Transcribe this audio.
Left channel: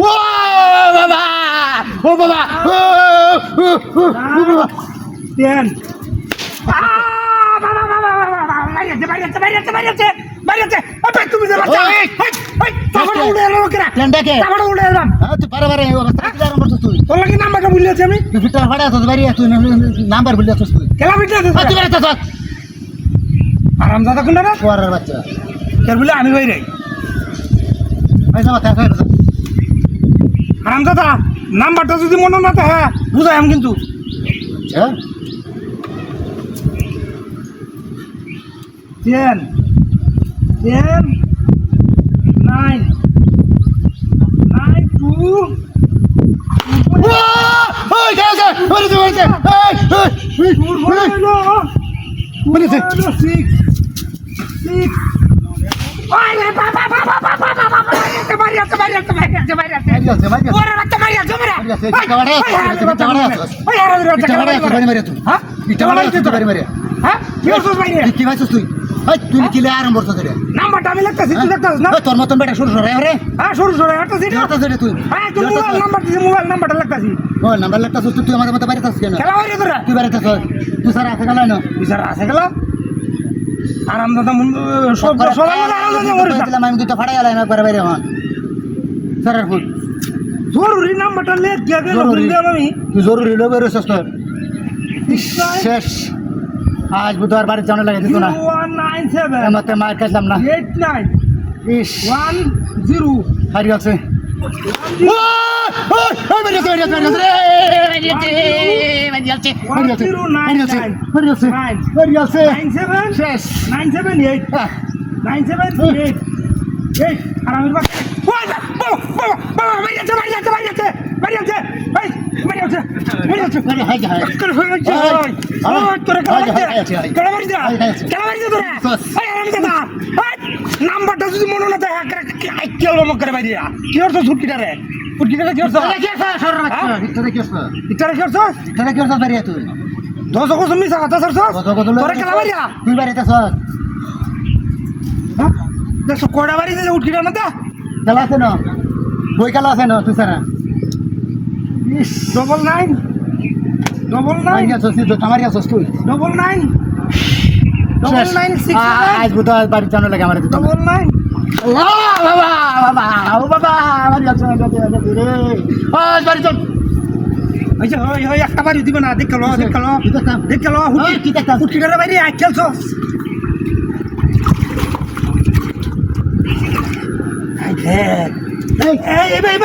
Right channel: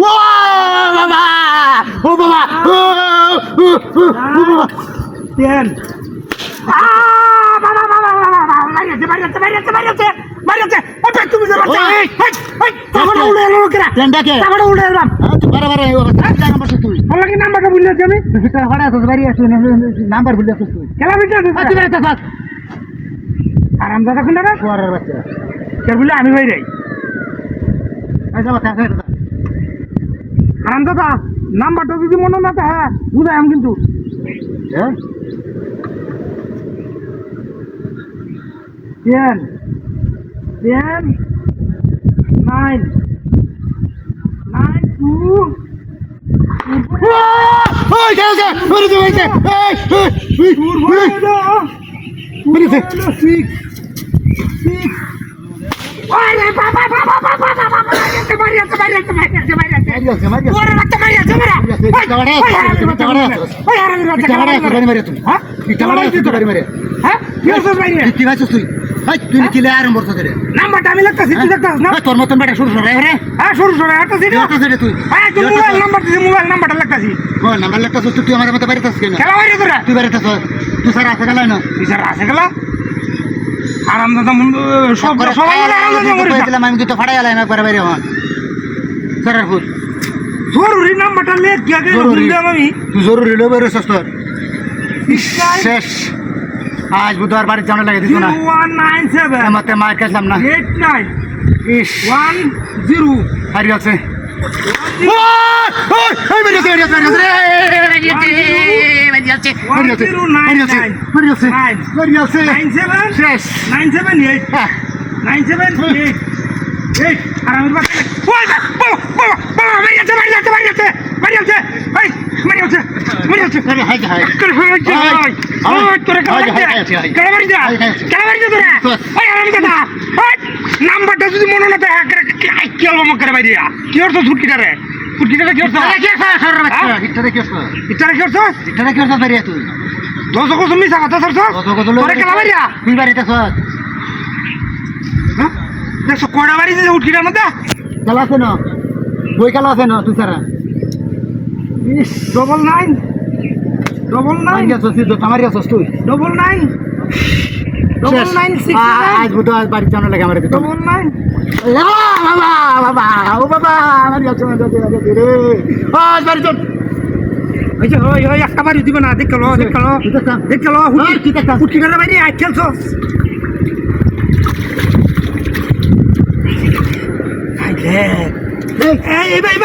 ও বাবা ও বাবা তেন বাবা বাবা বাবা মারিয়াছে তুমি যে বাচ্চা এই তাহলে উড়ে এলো কেরা টেন্ডাকে তাহলে উড়ে এলাম তুই বারবার এই অবস্থা নাম্বার তুই তোর লাগি নাম্বারটা ভুলিয়েছি আমি তুই ফিটা ফাড়া তো বাড়ি তুই নাম্বার ভুলে আছিস তুই খেলা বিটে তুই বেরোতে থাক আরাম দাদা কোনটা রে পড়ার বাচ্চা কের বলে আমি ভাই রে এই যাবা থাক আরাম দাদা নাম্বারটা যদি মনে না তো হয় বুঝাই আমি কিন্তু হ্যাঁ 10 9 9 2 ওই যাও ওরে তো হইছে এই What is it? 6 Oye, papá. Mariate. Ora la mariate, mira. কি ভাইছিস তুই এই তুই কি লে আরম্ভ করছিস রে নাম্বারটা আমি লাগতাছি তুই দেখতাস না তোর মতন বেটা শুরু সরে রে হ্যাঁ শুরু হতাছি তুই মোবাইল নাম্বারটা লাগতাছি বল নাম্বার লাগতাছিস তুই আমার মতো বাড়িতে আসছিস কেন খেলা বাইরে তোরা তুই বাড়িতে আসছিস তুই স্যার আসে গেল না স্যার আসে গেল আরাম দাদা সবাই আরাম দাদা বলেছিলাম আমি তো ফাড়াই গেলাম একবার বাইরে হন স্যার ফুল জরুরি নাম্বারটা লেখ গে আমি তুই জরুরি লো বেরোস তোর শেষ আজ বুধবার বাড়ি জানা লাগে দিত না 197 মতে মার কাছলাম না 89 ইস 10 হারি আছে শেষ 978 আর আমি নাম্বারটা যদি মনে না কি হলো মক্কার বাইরিয়া কি করছো ছুটকিটারে কি করছো ইটারে কি করছো দশ কত মিশা কথা সরছো তোরে খেলা বাইরিয়া তুই বাড়িতে দেখছো কয়টা বাড়ি যে উটকিটার মধ্যে খেলা আছে না বই খেলা আছে না তুই সারা ডবল নাইন আমার আছিস তুই 99 আজ বুধবার বাড়ি জানা লাগে আমার দিত 99 বাবা আমার রে আজ বাড়ি চল আচ্ছা ওই একটা বাড়ি দিবে না দেখলো উটকিটার বাইরে আই খেলছো আই দেখ এই ভাই